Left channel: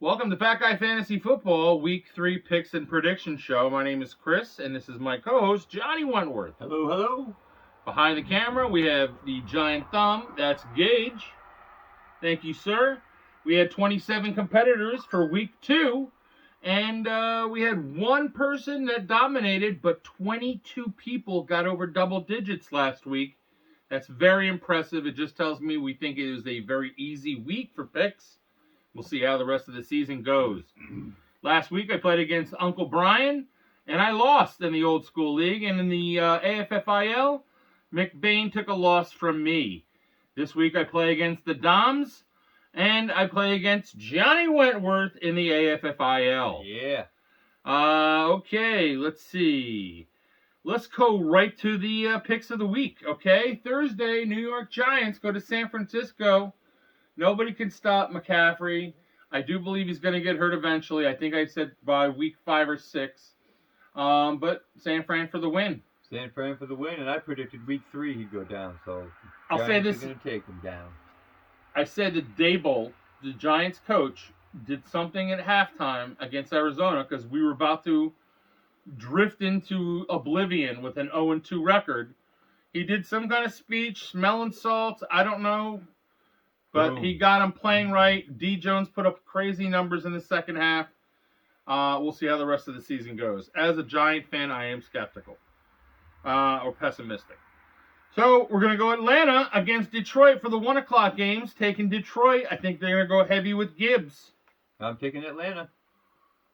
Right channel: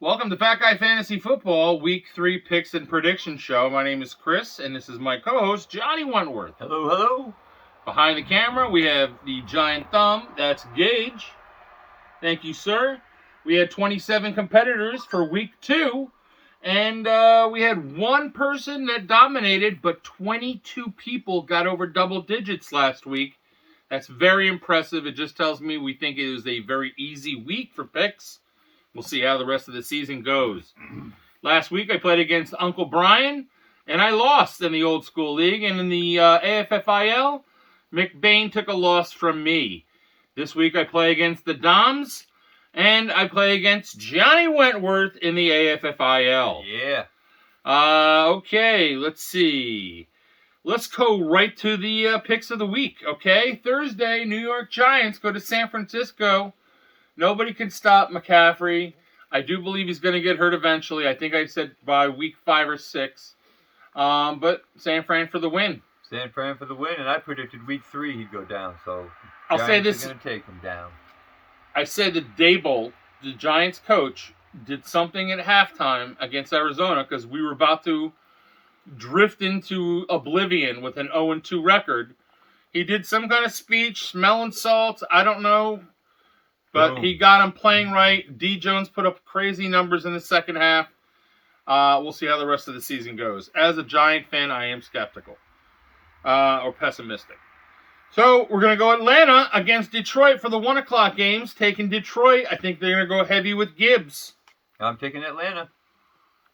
Welcome to Fat Guy Fantasy Football Week 3 Picks and Prediction Show. My name is Chris, and this is my co-host, Johnny Wentworth. Hello, hello. Behind the camera, we have the giant thumb. That's Gage. Thank you, sir. We had 27 competitors for Week 2, and we had one person that dominated, but 22 people got over double digits last week. That's very impressive. It just tells me we think it was a very easy week for picks. We'll see how the rest of the season goes. Last week I played against Uncle Brian, and I lost in the old school league. And in the AFFIL, McBain took a loss from me. This week I play against the Doms, and I play against Johnny Wentworth in the AFFIL. Yeah. Okay, let's see. Let's go right to the picks of the week, okay? Thursday, New York Giants go to San Francisco. Nobody can stop McCaffrey. I do believe he's going to get hurt eventually. I think I said by week 5 or 6. But San Fran for the win. San Fran for the win, and I predicted week 3 he'd go down. So I'll say this. Going to take him down. I said that Dable, the Giants coach, did something at halftime against Arizona because we were about to drift into oblivion with an 0-2 record. He did some kind of speech, smelling salts. I don't know. But he got him playing right. D. Jones put up crazy numbers in the second half. We'll see how the rest of the season goes. As a Giant fan, I am skeptical or pessimistic. So we're going to go Atlanta against Detroit for the 1 o'clock games. Taking Detroit. I think they're going to go heavy with Gibbs. I'm taking Atlanta.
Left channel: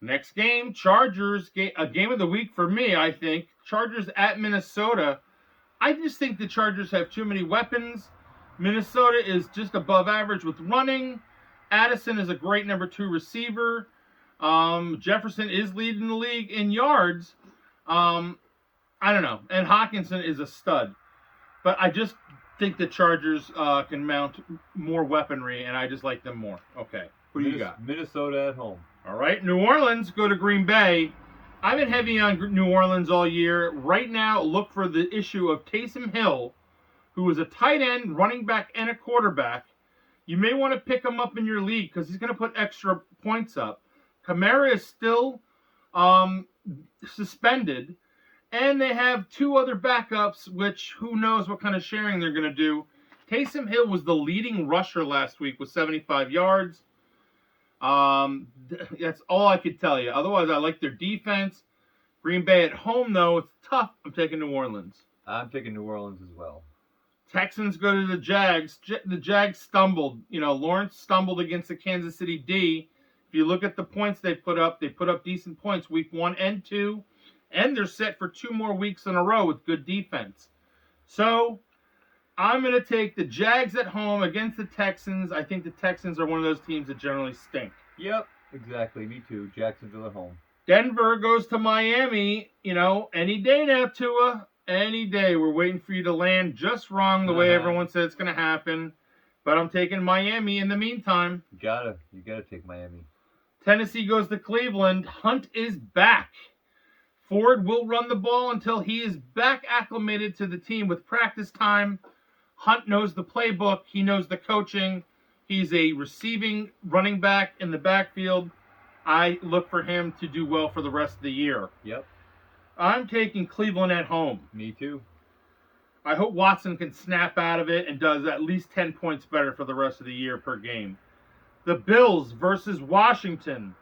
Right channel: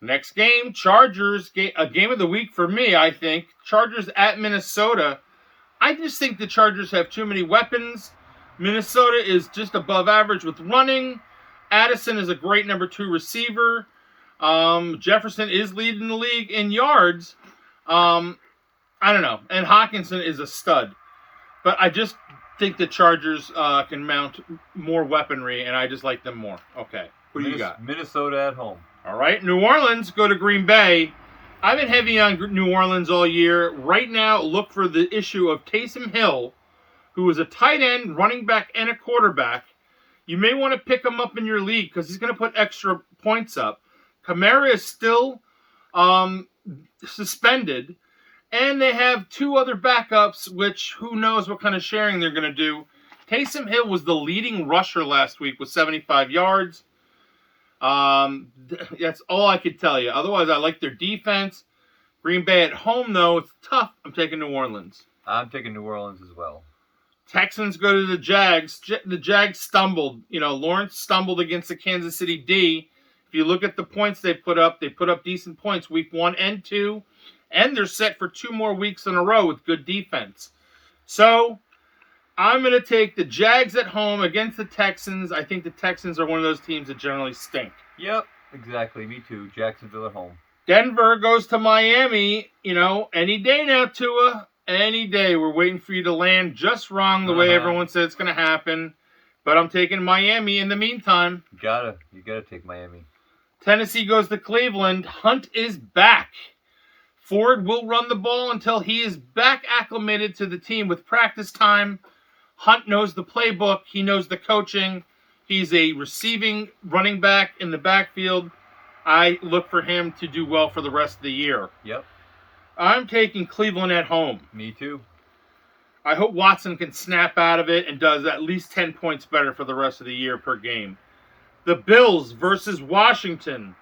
Next game, Chargers. A game of the week for me, I think. Chargers at Minnesota. I just think the Chargers have too many weapons. Minnesota is just above average with running. Addison is a great number 2 receiver. Jefferson is leading the league in yards. I don't know. And Hawkinson is a stud. But I just think the Chargers can mount more weaponry, and I just like them more. Okay. What do you got? Minnesota at home. All right. New Orleans go to Green Bay. I've been heavy on New Orleans all year. Right now, look for the issue of Taysom Hill, who is a tight end, running back, and a quarterback. You may want to pick him up in your league because he's going to put extra points up. Kamara is still suspended, and they have 2 other backups, which who knows what kind of sharing they're going to do. Taysom Hill was the leading rusher last week with 75 yards. That's all I could tell you. Otherwise, I like their defense. Green Bay at home, though, it's tough. I'm taking New Orleans. I'm taking New Orleans as well. Texans go to the Jags. The Jags stumbled. Lawrence stumbled against the Kansas City D. If you look at the points they put up decent points week 1 and 2, and they're set for 2 more weeks in a row with good defense. So I'm going to take the Jags at home against the Texans. I think the Texans are one of those teams that generally stink. Yep, exactly. Me too. Jacksonville at home. Denver goes to Miami. Any day now, Tua. Any day. We're waiting for you to land just wrong the way everyone said it's going to happen. But I'm taking Miami in the meantime. You gotta take Miami. Tennessee goes to Cleveland. Hunt is back. Ford will run the ball until he is back acclimated to the team with practice time. Hunt knows the playbook. He knows the coaching. He's a receiving running back in the backfield. I look for him to do well for the rest of the year. Yep. I'm taking Cleveland at home. Me too. I hope Watson can snap out of it and does at least 10 points better for the rest of the year per game. The Bills versus Washington.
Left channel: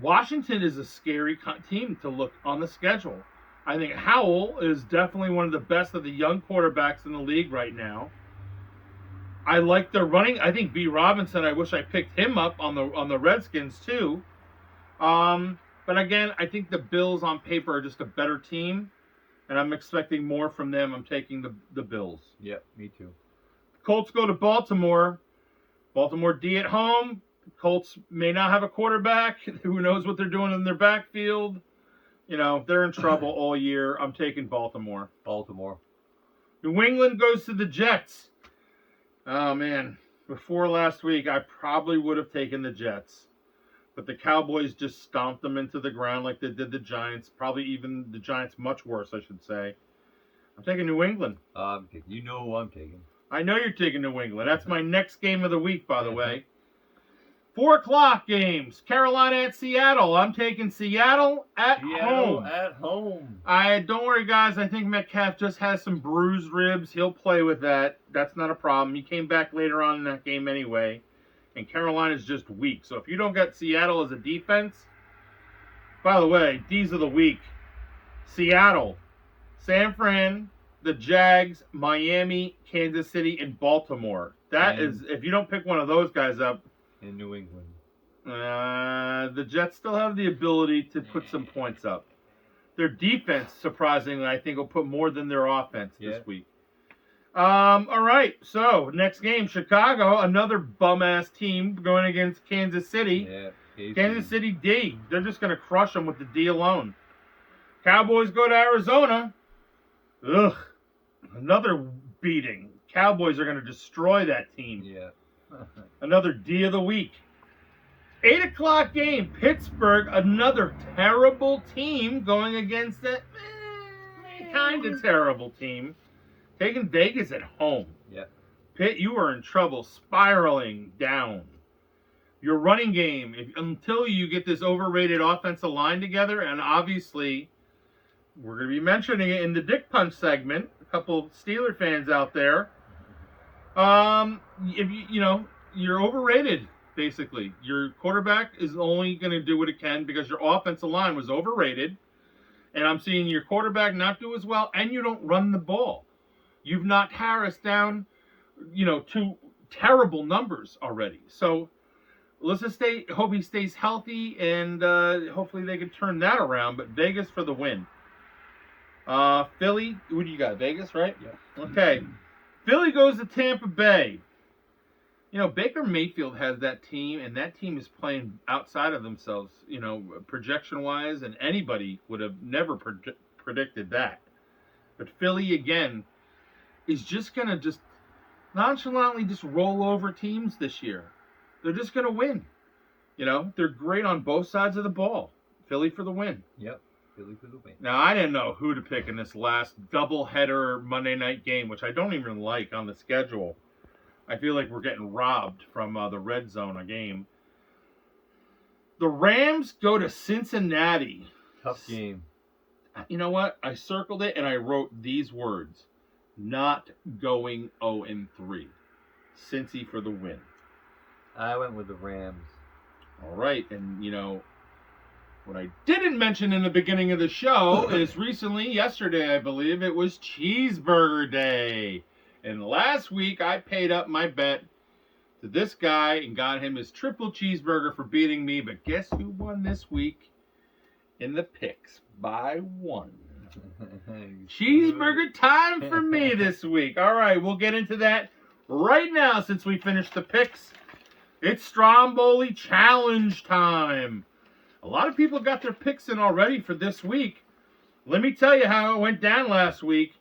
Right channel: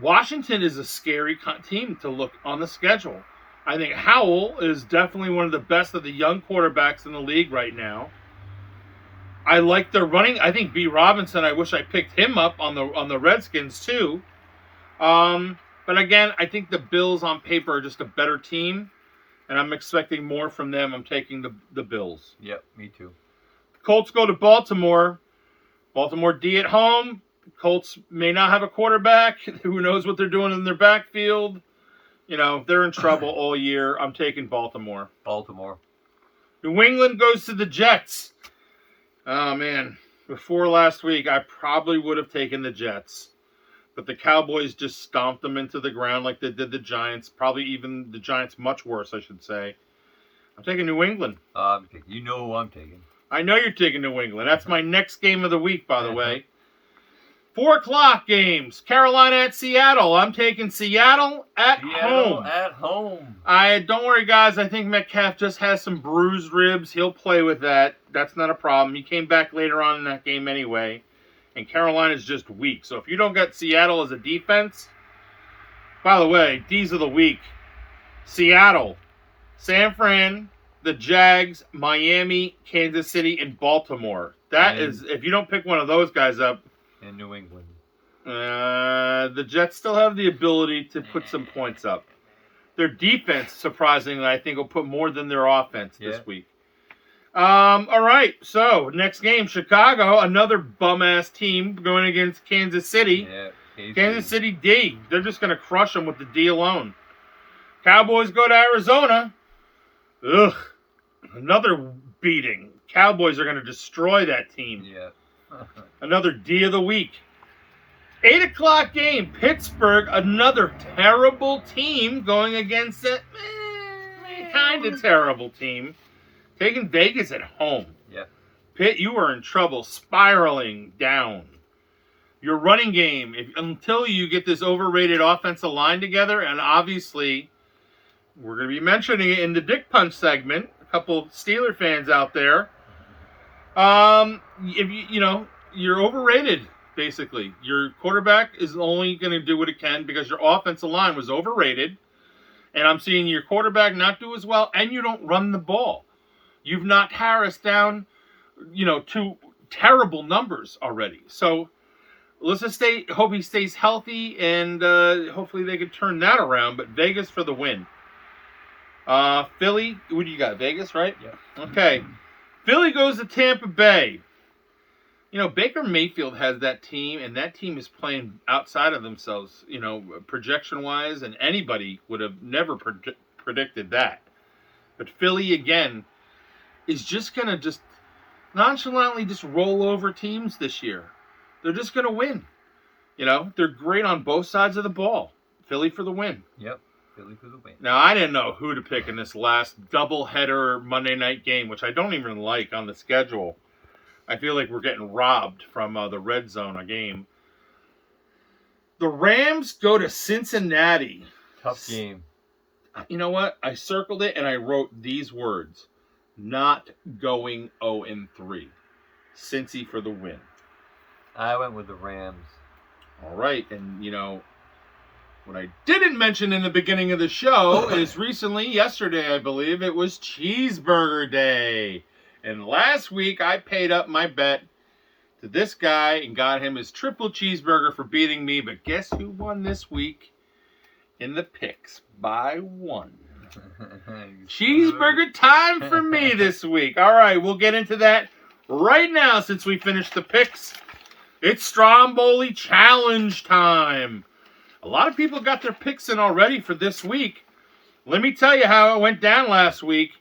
Washington is a scary team to look on the schedule. I think Howell is definitely one of the best of the young quarterbacks in the league right now. I like their running. I think B. Robinson, I wish I picked him up on the Redskins too. But again, I think the Bills on paper are just a better team, and I'm expecting more from them. I'm taking the Bills. Yep, me too. Colts go to Baltimore. Baltimore D at home. Colts may not have a quarterback. Who knows what they're doing in their backfield? They're in trouble all year. I'm taking Baltimore. Baltimore. New England goes to the Jets. Oh, man. Before last week, I probably would have taken the Jets. But the Cowboys just stomped them into the ground like they did the Giants. Probably even the Giants much worse, I should say. I'm taking New England. You know who I'm taking. I know you're taking New England. That's my next game of the week, by the way. 4 o'clock games. Carolina at Seattle. I'm taking Seattle at home. At home. Don't worry, guys. I think Metcalf just has some bruised ribs. He'll play with that. That's not a problem. He came back later on in that game anyway. And Carolina's just weak. So if you don't get Seattle as a defense, by the way, D's of the week. Seattle, San Fran, the Jags, Miami, Kansas City, and Baltimore. That is, if you don't pick one of those guys up. In New England. The Jets still have the ability to put some points up. Their defense, surprisingly, I think will put more than their offense this week. All right, so next game, Chicago, another bum-ass team going against Kansas City. Yeah, Kansas City D. They're just going to crush them with the D alone. Cowboys go to Arizona. Ugh, another beating. Cowboys are going to destroy that team. Yeah. Another D of the week. 8 o'clock game. Pittsburgh, another terrible team going against a kind of terrible team. Taking Vegas at home. Yeah. Pitt, you are in trouble, spiraling down. Your running game, until you get this overrated offensive line together, and obviously we're going to be mentioning it in the Dick Punch segment. A couple Steeler fans out there. If you're overrated, basically. Your quarterback is only going to do what it can because your offensive line was overrated. And I'm seeing your quarterback not do as well, and you don't run the ball. You've knocked Harris down, to terrible numbers already. So let's just hope he stays healthy, and hopefully they can turn that around. But Vegas for the win. Philly, what do you got? Vegas, right? Yeah. Okay. Philly goes to Tampa Bay. Baker Mayfield has that team, and that team is playing outside of themselves, projection-wise, and anybody would have never predicted that. But Philly, again, is just going to just nonchalantly just roll over teams this year. They're just going to win. They're great on both sides of the ball. Philly for the win. Yep. Philly for the win. Now, I didn't know who to pick in this last doubleheader Monday night game, which I don't even like on the schedule. I feel like we're getting robbed from the red zone a game. The Rams go to Cincinnati. Tough game. You know what? I circled it and I wrote these words. Not going 0-3. Cincy for the win. I went with the Rams. All right. And, what I didn't mention in the beginning of the show is yesterday, I believe, it was Cheeseburger Day. And last week, I paid up my bet to this guy and got him his triple cheeseburger for beating me. But guess who won this week in the picks by 1? Cheeseburger time for me this week. All right, we'll get into that right now since we finished the picks. It's Stromboli challenge time. A lot of people got their picks in already for this week. Let me tell you how it went down last week.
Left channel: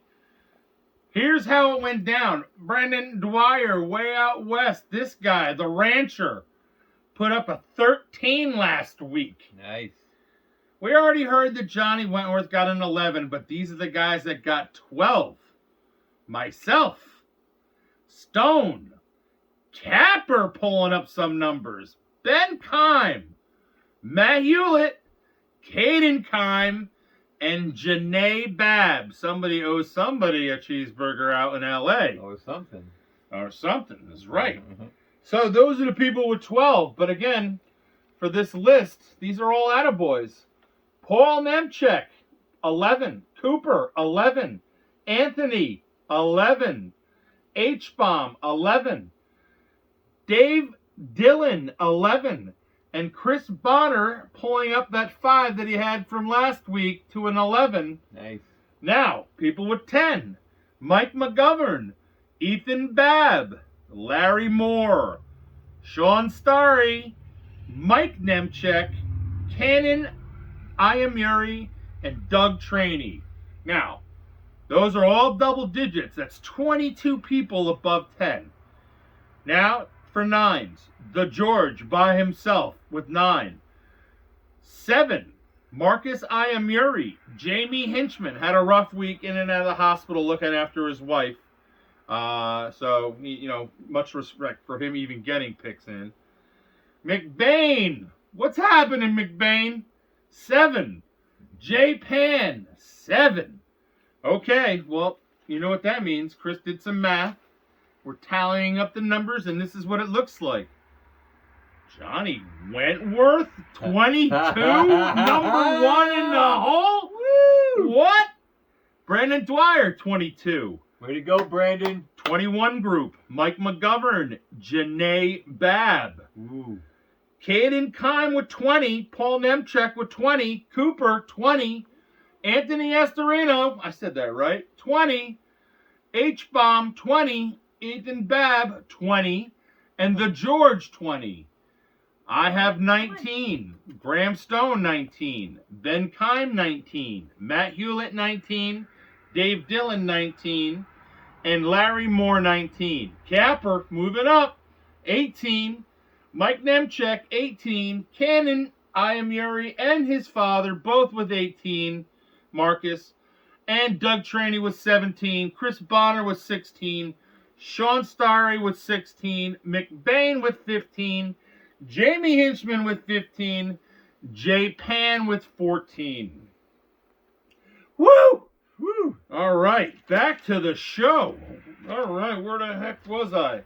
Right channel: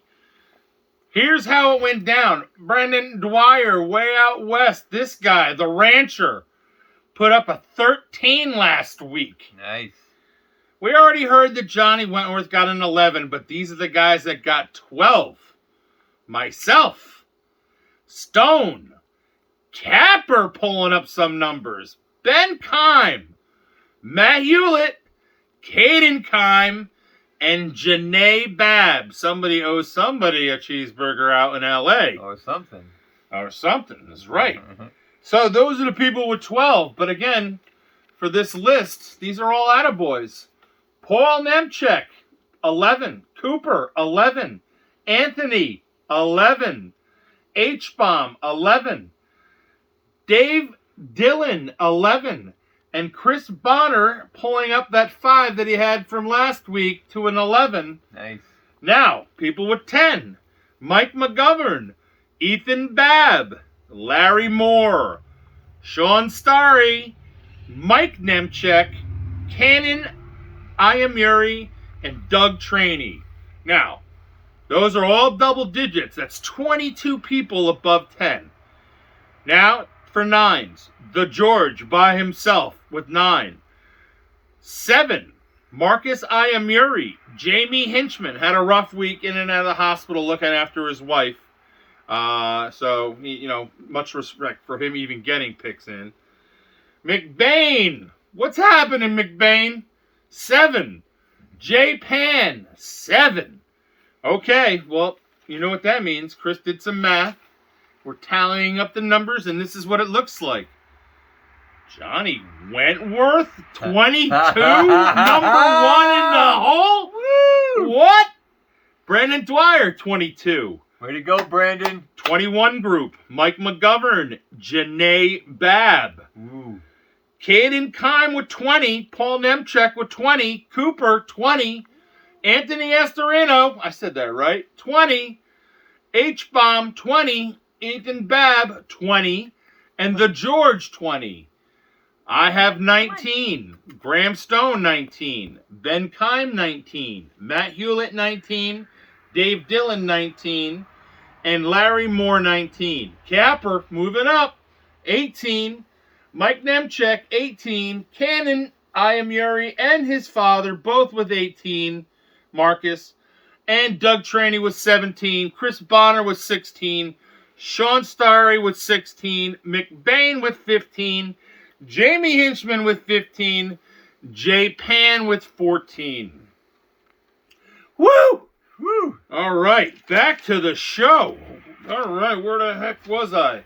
Here's how it went down. Brandon Dwyer, way out west. This guy, the rancher, put up a 13 last week. Nice. We already heard that Johnny Wentworth got an 11, but these are the guys that got 12. Myself, Stone, Capper pulling up some numbers, Ben Kime, Matt Hewlett, Caden Kime, and Janae Babb. Somebody owes somebody a cheeseburger out in L.A. Or something. That's right. So those are the people with 12. But again, for this list, these are all attaboys. Paul Nemchek, 11. Cooper, 11. Anthony, 11. H-Bomb, 11. Dave Dillon, 11. And Chris Bonner pulling up that 5 that he had from last week to an 11. Nice. Now, people with 10. Mike McGovern, Ethan Babb, Larry Moore, Sean Starry, Mike Nemchek, Cannon Iamuri, and Doug Traney. Now, those are all double digits. That's 22 people above 10. Now, for 9s, the George by himself with 9. 7, Marcus Iamuri. Jamie Hinchman had a rough week in and out of the hospital looking after his wife. So, much respect for him even getting picks in. McBain. What's happening, McBain? 7. J-Pan. 7. Okay, well, you know what that means. Chris did some math. We're tallying up the numbers, and this is what it looks like. Johnny Wentworth, 22, number 1 in the hole? Woo! What? Brandon Dwyer, 22. Way to go, Brandon. 21 group, Mike McGovern, Janae Babb. Ooh. Caden Kime with 20, Paul Nemchek with 20, Cooper, 20, Anthony Estorino, I said that right, 20, H-Bomb, 20, Ethan Babb, 20, and the George, 20. I have 19, Graham Stone, 19, Ben Kime, 19, Matt Hewlett, 19, Dave Dillon, 19, and Larry Moore, 19. Capper, moving up, 18, Mike Nemchek, 18, Cannon Ayamuri and his father, both with 18, Marcus, and Doug Traney with 17, Chris Bonner with 16, Sean Starry with 16, McBain with 15, Jamie Hinchman with 15, Jay Pan with 14. Woo! Woo! All right, back to the show. All right, where the heck was I?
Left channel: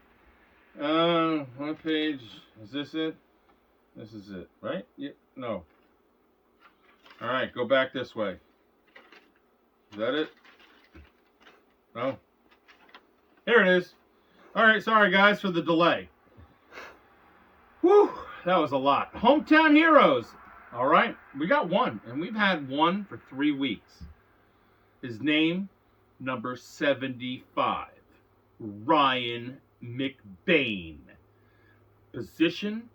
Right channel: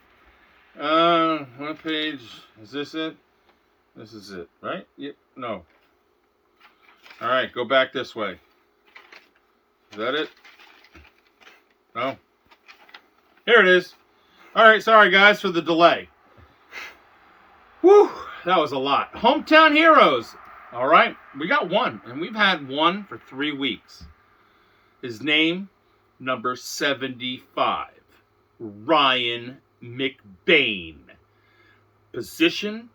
What page? Is this it? This is it, right? Yep. No. All right, go back this way. Is that it? No. Here it is. All right, sorry guys for the delay. Whew, that was a lot. Hometown heroes. All right, we got one, and we've had one for 3 weeks. His name, number 75, Ryan McBain. Position,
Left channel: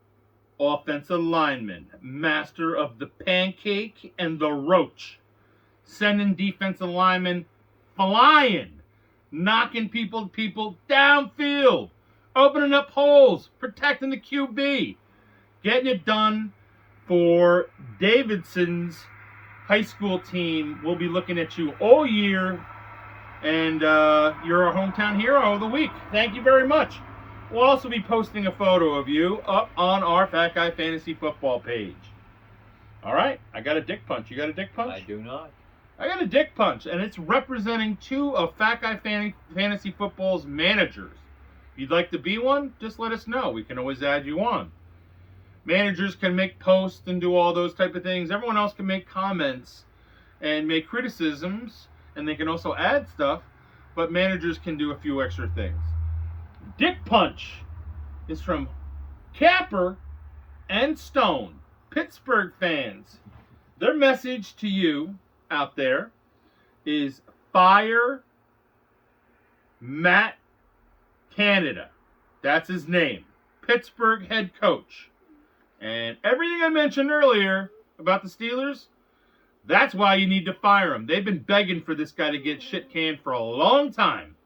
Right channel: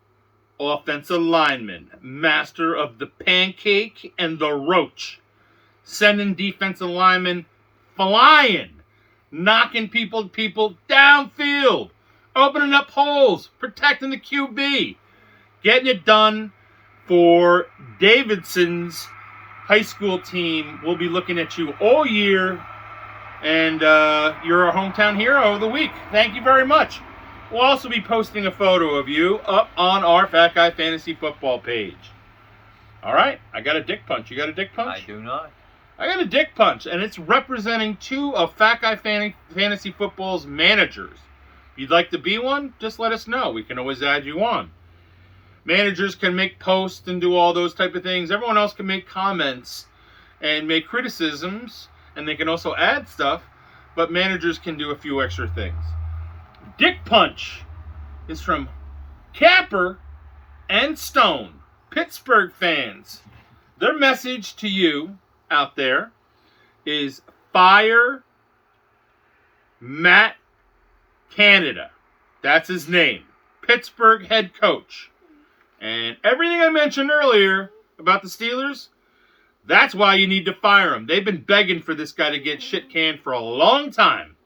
offensive lineman, master of the pancake and the roach. Sending defensive linemen flying, knocking people downfield, opening up holes, protecting the QB, getting it done for Davidson's high school team. We'll be looking at you all year, and you're our hometown hero of the week. Thank you very much. We'll also be posting a photo of you up on our Fat Guy Fantasy Football page. All right, I got a dick punch. You got a dick punch? I do not. I got a dick punch, and it's representing 2 of Fat Guy Fantasy Football's managers. If you'd like to be one, just let us know. We can always add you on. Managers can make posts and do all those type of things. Everyone else can make comments and make criticisms, and they can also add stuff, but managers can do a few extra things. Dick Punch is from Capper and Stone, Pittsburgh fans. Their message to you out there is fire Matt Canada. That's his name. Pittsburgh head coach. And everything I mentioned earlier about the Steelers, that's why you need to fire him. They've been begging for this guy to get shit canned for a long time.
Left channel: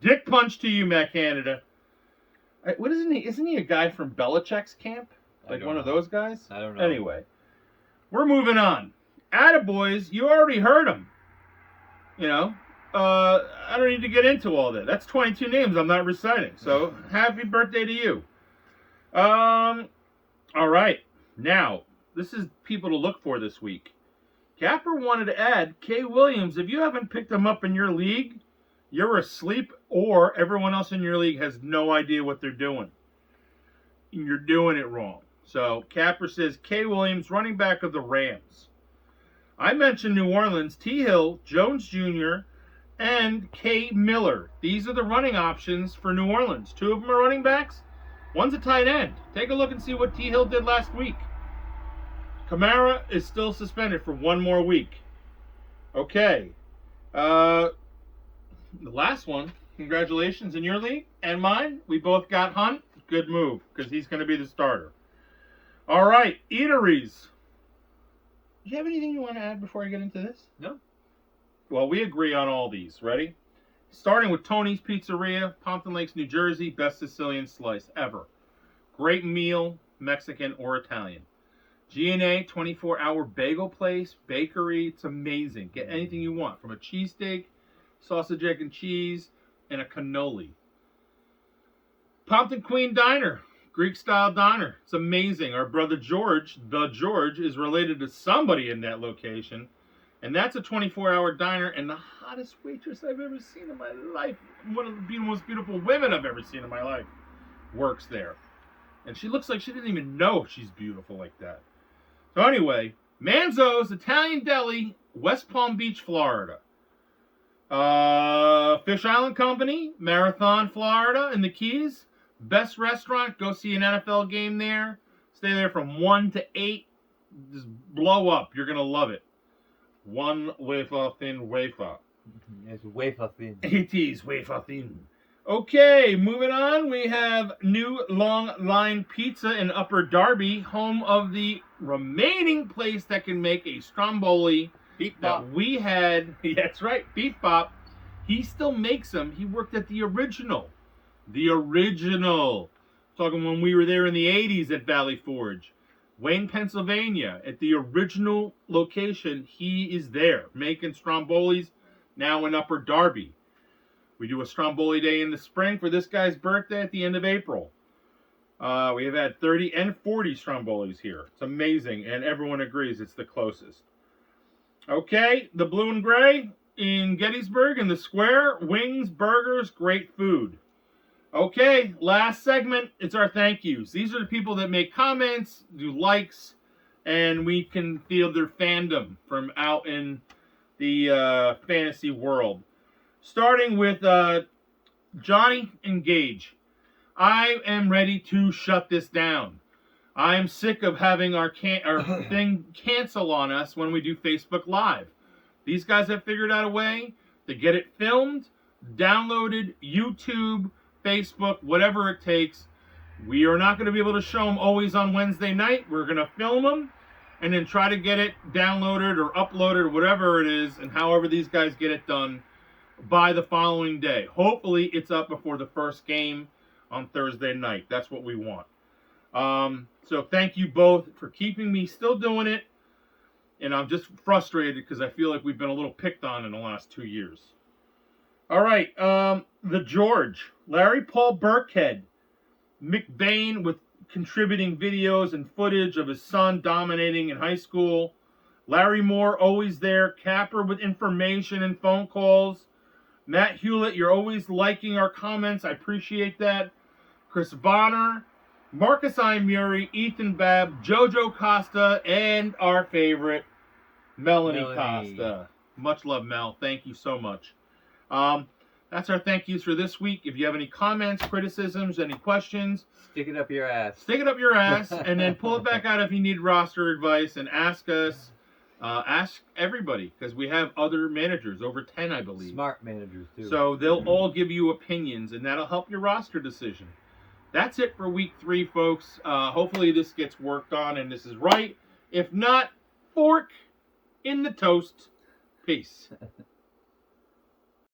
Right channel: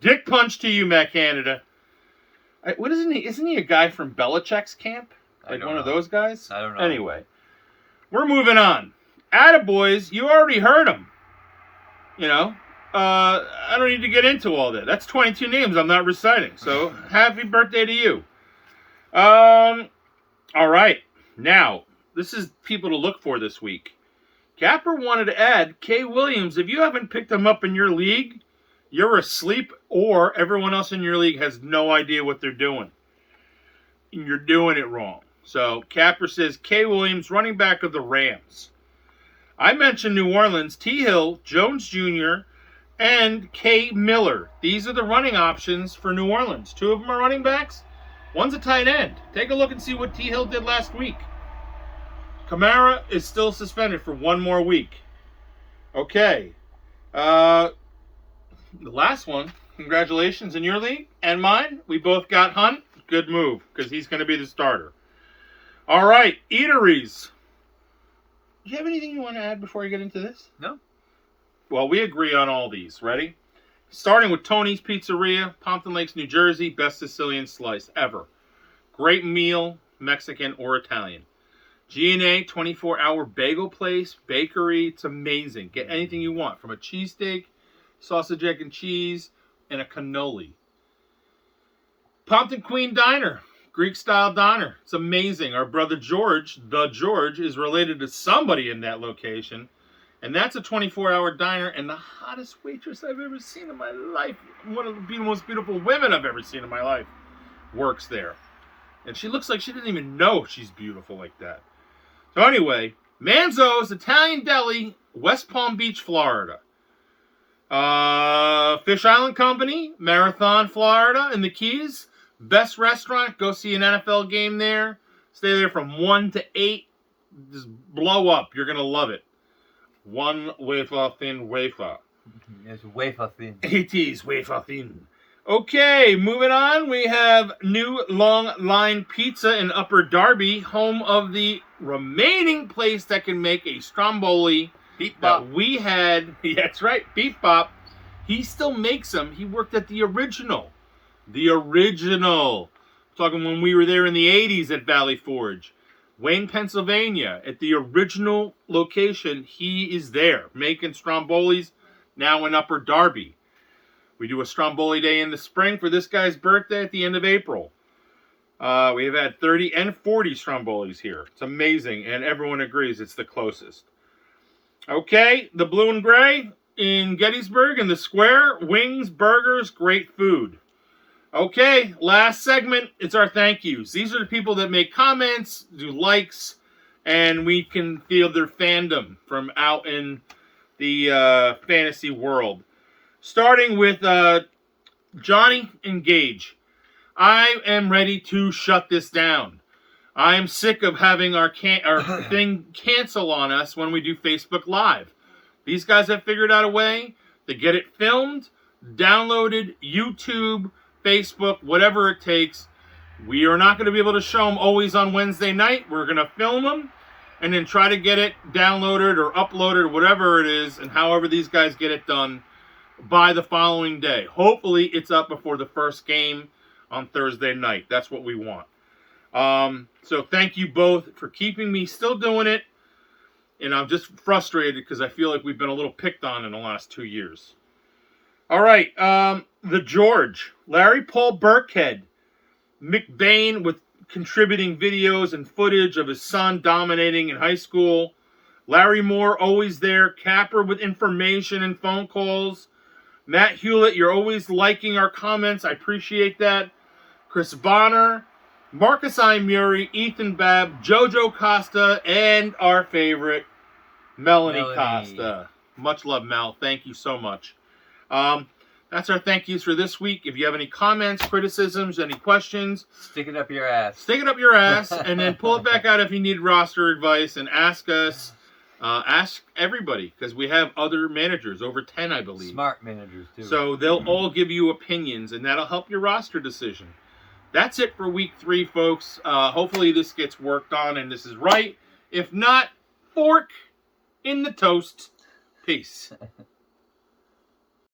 Dick punch to you, Matt Canada. What isn't he? Isn't he a guy from Belichick's camp? Like one of those guys? I don't know. Anyway, we're moving on. Attaboys, you already heard him. You know, I don't need to get into all that. That's 22 names I'm not reciting. So happy birthday to you. All right. Now, this is people to look for this week. Capper wanted to add Kay Williams. If you haven't picked him up in your league, you're asleep, or everyone else in your league has no idea what they're doing. And you're doing it wrong. So Capper says Kay Williams, running back of the Rams. I mentioned New Orleans, T. Hill, Jones Jr., and Kay Miller. These are the running options for New Orleans. 2 of them are running backs. One's a tight end. Take a look and see what T. Hill did last week. Kamara is still suspended for 1 more week. Okay. The last one, congratulations in your league and mine. We both got Hunt. Good move, because he's going to be the starter. All right, eateries. Do you have anything you want to add before I get into this? No. Well, we agree on all these. Ready? Starting with Tony's Pizzeria, Pompton Lakes, New Jersey. Best Sicilian slice ever. Great meal, Mexican or Italian. G&A, 24-hour bagel place, bakery. It's amazing. Get anything you want, from a cheesesteak, sausage, egg, and cheese, and a cannoli. Pompton Queen Diner. Greek style diner. It's amazing. Our brother George, the George, is related to somebody in that location. And that's a 24-hour diner, and the hottest waitress I've ever seen in my life, one of the most beautiful women I've ever seen in my life, works there. And she looks like she didn't even know she's beautiful like that. So anyway, Manzo's Italian Deli, West Palm Beach, Florida. Fish Island Company, Marathon, Florida, in the Keys. Best restaurant. Go see an NFL game there. Stay there from 1 to 8. Just blow up. You're going to love it. One wafer thin wafer. It's wafer thin. It is wafer thin. Okay, moving on. We have New Long Line Pizza in Upper Darby, home of the remaining place that can make a Stromboli Beep bop. that we had. Yeah, that's right, Beep Bop. He still makes them. He worked at the original. The original. Talking when we were there in the 80s at Valley Forge. Wayne, Pennsylvania, at the original location, he is there making Strombolis, now in Upper Darby. We do a Stromboli Day in the spring for this guy's birthday at the end of April. We have had 30 and 40 Strombolis here. It's amazing, and everyone agrees it's the closest. Okay, the Blue and Gray in Gettysburg in the Square. Wings, burgers, great food. Okay, last segment, it's our thank yous. These are the people that make comments, do likes, and we can feel their fandom from out in the fantasy world. Starting with Johnny and Gage. I am ready to shut this down. I am sick of having our thing cancel on us when we do Facebook Live. These guys have figured out a way to get it filmed, downloaded, YouTube, Facebook, whatever it takes. We are not going to be able to show them always on Wednesday night. We're going to film them and then try to get it downloaded or uploaded or whatever it is, and however these guys get it done by the following day. Hopefully it's up before the first game on Thursday night. That's what we want. So thank you both for keeping me still doing it. And I'm just frustrated because I feel like we've been a little picked on in the last 2 years. All right, the George, Larry Paul Burkhead, McBain with contributing videos and footage of his son dominating in high school. Larry Moore, always there. Capper with information and phone calls. Matt Hewlett, you're always liking our comments. I appreciate that. Chris Bonner, Marcus I. Murray, Ethan Babb, Jojo Costa, and our favorite, Melanie Costa. Much love, Mel. Thank you so much. That's our thank yous for this week. If you have any comments, criticisms, any questions, Stick it up your ass. stick it up your ass and then pull it back out if you need roster advice and ask us. Ask everybody, because we have other managers, over 10, I believe. Smart managers, too. So they'll all give you opinions, and that'll help your roster decision. That's it for week 3, folks. Hopefully this gets worked on and this is right. If not, fork in the toast. Peace.